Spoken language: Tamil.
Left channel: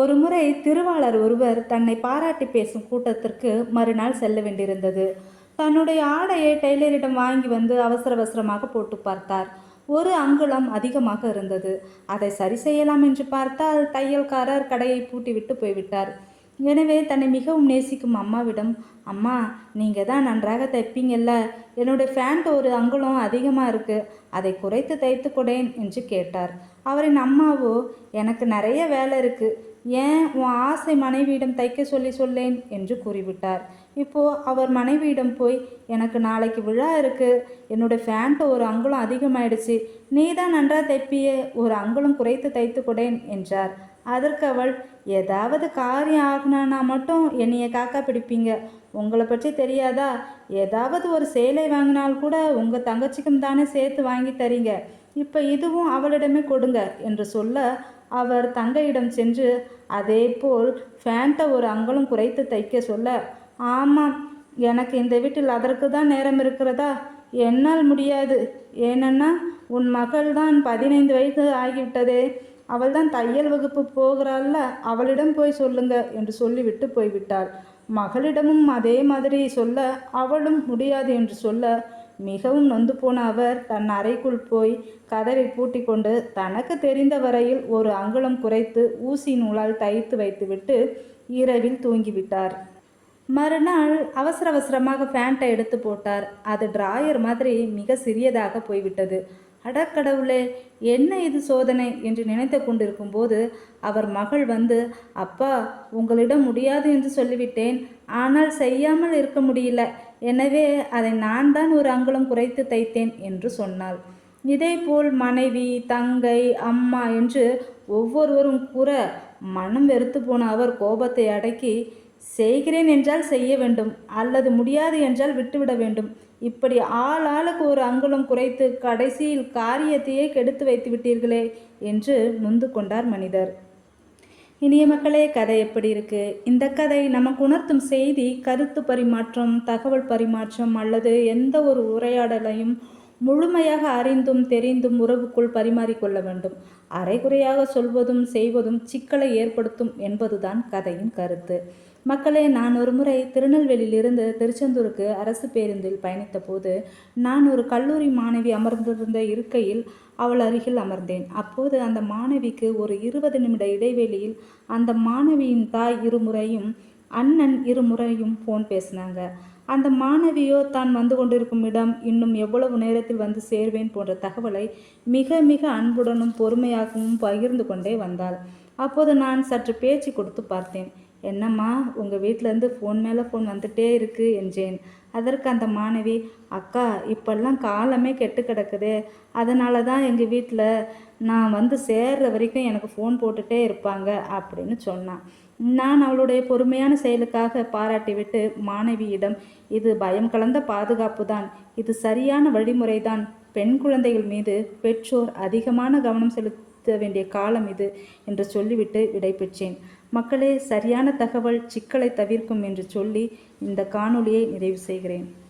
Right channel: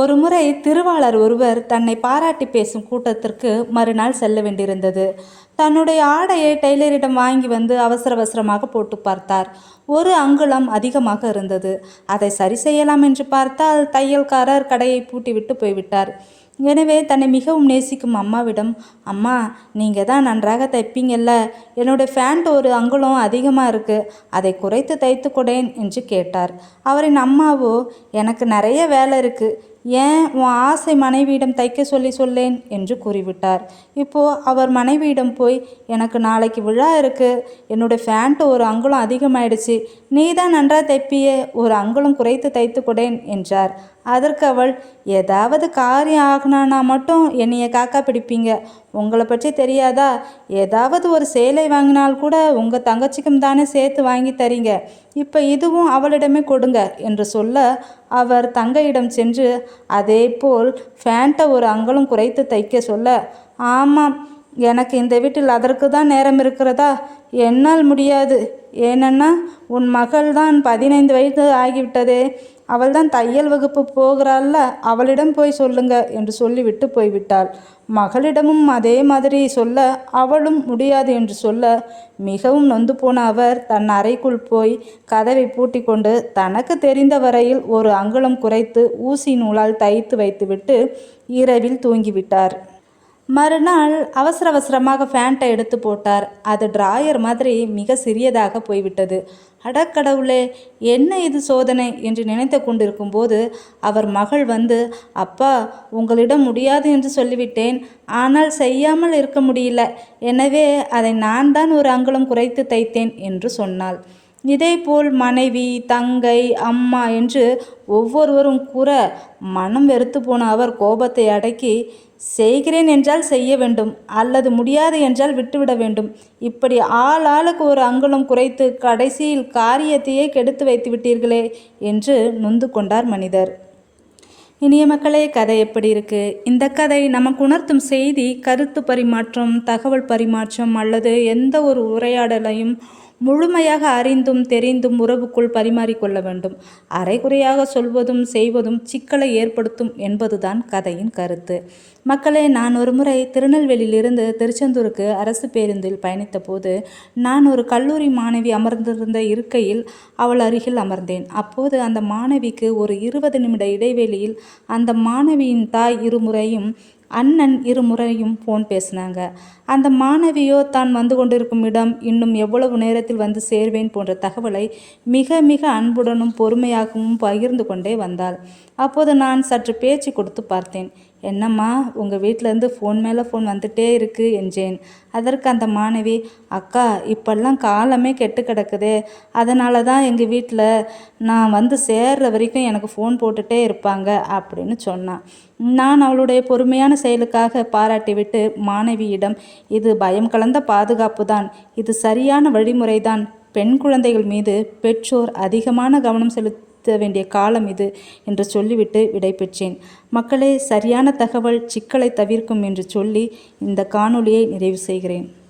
ஒருமுறை திருவாளர் ஒருவர் தன்னை பாராட்டி பேசும் கூட்டத்திற்கு மறுநாள் செல்ல வேண்டியிருந்தது. தன்னுடைய ஆடையை டெய்லரிடம் வாங்கி வந்து அவசர அவசரமாக போட்டு பார்த்தார். ஒரு அங்குலம் அதிகமாக இருந்தது. அதை சரி செய்யலாம் என்று பார்த்தால் தையல்காரர் கடையை பூட்டிவிட்டு போய்விட்டார். எனவே தன்னை மிகவும் நேசிக்கும் அம்மாவிடம் அம்மா நீங்கள் தான் நன்றாக தைப்பீங்கல்ல. என்னுடைய ஃபேண்ட் ஒரு அங்குலம் அதிகமாக இருக்குது அதை குறைத்து தைத்து கொடேன் என்று கேட்டார். அவரின் அம்மாவோ எனக்கு நிறைய வேலை இருக்குது ஏன் உன் ஆசை மனைவியிடம் தைக்க சொல்லி சொல்லேன் என்று கூறிவிட்டார். இப்போ அவர் மனைவியிடம் போய் எனக்கு நாளைக்கு விழா இருக்கு. என்னுடைய ஃபேண்ட்டு ஒரு அங்குலம் அதிகமாயிடுச்சு. நீ தான் நன்றாக தைப்பியே. ஒரு அங்குலம் குறைத்து தைத்து கொடேன் என்றார். அதற்கு அவள் ஏதாவது காரியம் ஆகினானா மட்டும் என்னைய காக்கா பிடிப்பீங்க. உங்களை பற்றி தெரியாதா? ஏதாவது ஒரு சேலை வாங்கினால் கூட உங்கள் தங்கச்சிக்கும் தானே சேர்த்து வாங்கி தரீங்க. இப்போ இதுவும் அவளிடமே கொடுங்க என்று சொல்ல அவர் தங்கையிடம் சென்று அதே போல் ஃபேண்ட்டை ஒரு அங்கலும் குறைத்து தைக்க சொல்ல. ஆமாம் எனக்கு இந்த வீட்டில் அதற்கு தான் நேரம் இருக்கிறதா? என்னால் முடியாது. ஏனென்னா உன் மகள் தான் பதினைந்து வயது ஆகிவிட்டதே. அவள் தான் தையல் வகுப்பு போகிறாள்ல அவளிடம் போய் சொல்லுங்க என்று சொல்லிவிட்டு போய்விட்டாள். மகளிடமும் அதே மாதிரி சொல்ல அவளும் முடியாது என்று சொல்ல மிகவும் நொந்து போன அவர் தன் அறைக்குள் போய் கதவை பூட்டி கொண்டு தனக்கு தெரிந்த வரையில் ஒரு அங்குலம் குறைத்து ஊசி நூலால் தைத்து வைத்துவிட்டு இரவில் தூங்கிவிட்டார். மறுநாள் அவசர அவசரமாக ஃபேண்ட்டை எடுத்து போட்டார். அது டிராயர் மாதிரி மிக சிறியதாக போய்விட்டது. அடக்கடவுளே என்ன இது சோதனை? என்று நினைத்து கொண்டிருக்கும் போது அவர் மகள் வந்து அப்பா உங்களிடம் முடியாது என்று சொல்லிவிட்டேன். ஆனால் செய்யாமல் இருக்க முடியல. எனவே அதை நான் தான் ஒரு அங்குலம் குறைத்து தைத்தேன் என்று சொன்னாள். இதேபோல் மனைவி தங்கை அம்மா என்று ஒவ்வொருவரும் கூற மனம் வெறுத்து போன அவர் கோபத்தை அடக்கி செய்கிறேன் என்றால் செய்ய வேண்டும் அல்லது முடியாது என்றால் விட்டுவிட வேண்டும். இப்படி ஆள் ஆளுக்கு ஒரு அங்குலம் குறைத்து கடைசியில் காரியத்தையே கெடுத்து வைத்து விட்டீர்களே என்று நொந்து கொண்டார் மனிதர். இனிய மக்களே கதை எப்படி இருக்கு? இந்த கதை நமக்கு உணர்த்தும் செய்தி கருத்து பரிமாற்றம் தகவல் பரிமாற்றம் அல்லது எந்த ஒரு உரையாடலையும் முழுமையாக அறிந்தும் தெரிந்தும் உறவுக்குள் பரிமாறிக்கொள்ள வேண்டும். அரைகுறையாக சொல்வதும் செய்வதும் சிக்கலை ஏற்படுத்தும் என்பதுதான் கதையின் கருத்து. மக்களே நான் ஒரு முறை திருநெல்வேலியிலிருந்து திருச்செந்தூருக்கு அரசு பேருந்தில் பயணித்த போது நான் ஒரு கல்லூரி மாணவி அமர்ந்திருந்த இருக்கையில் அவள் அருகில் அமர்ந்தேன். அப்போது அந்த மாணவிக்கு ஒரு இருபது நிமிட இடைவெளியில் அந்த மாணவியின் தாய் இருமுறையும் அண்ணன் இருமுறையும் ஃபோன் பேசினாங்க. அந்த மாணவியோ தான் வந்து கொண்டிருக்கும் இடம் இன்னும் எவ்வளவு நேரத்தில் வந்து சேர்வேன் போன்ற தகவலை மிக மிக அன்புடனும் பொறுமையாகவும் பகிர்ந்து கொண்டே வந்தாள். அப்போது நான் சற்று பேச்சு கொடுத்து பார்த்தேன். என்னம்மா உங்கள் வீட்டிலேருந்து ஃபோன் மேலே ஃபோன் வந்துட்டே இருக்குது என்றேன். அதற்கு அந்த மாணவி அக்கா இப்பெல்லாம் காலமே கெட்டு கிடக்குதே. அதனால தான் எங்கள் வீட்டில் நான் வந்து சேர்ற வரைக்கும் எனக்கு ஃபோன் போட்டுகிட்டே இருப்பாங்க அப்படின்னு சொன்னான். நான் அவளுடைய பொறுமையான செயலுக்காக பாராட்டிவிட்டு மாணவியிடம் இது பயம் கலந்த பாதுகாப்பு தான். இது சரியான வழிமுறைதான். பெண் குழந்தைகள் மீது பெற்றோர் அதிகமான கவனம் செலுத்த வேண்டிய காலம் இது என்று சொல்லிவிட்டு விடைபெற்றேன். மக்களே சரியான தகவல் சிக்கலை தவிர்க்கும் என்று சொல்லி இந்த காணொளியை நிறைவு செய்கிறேன்.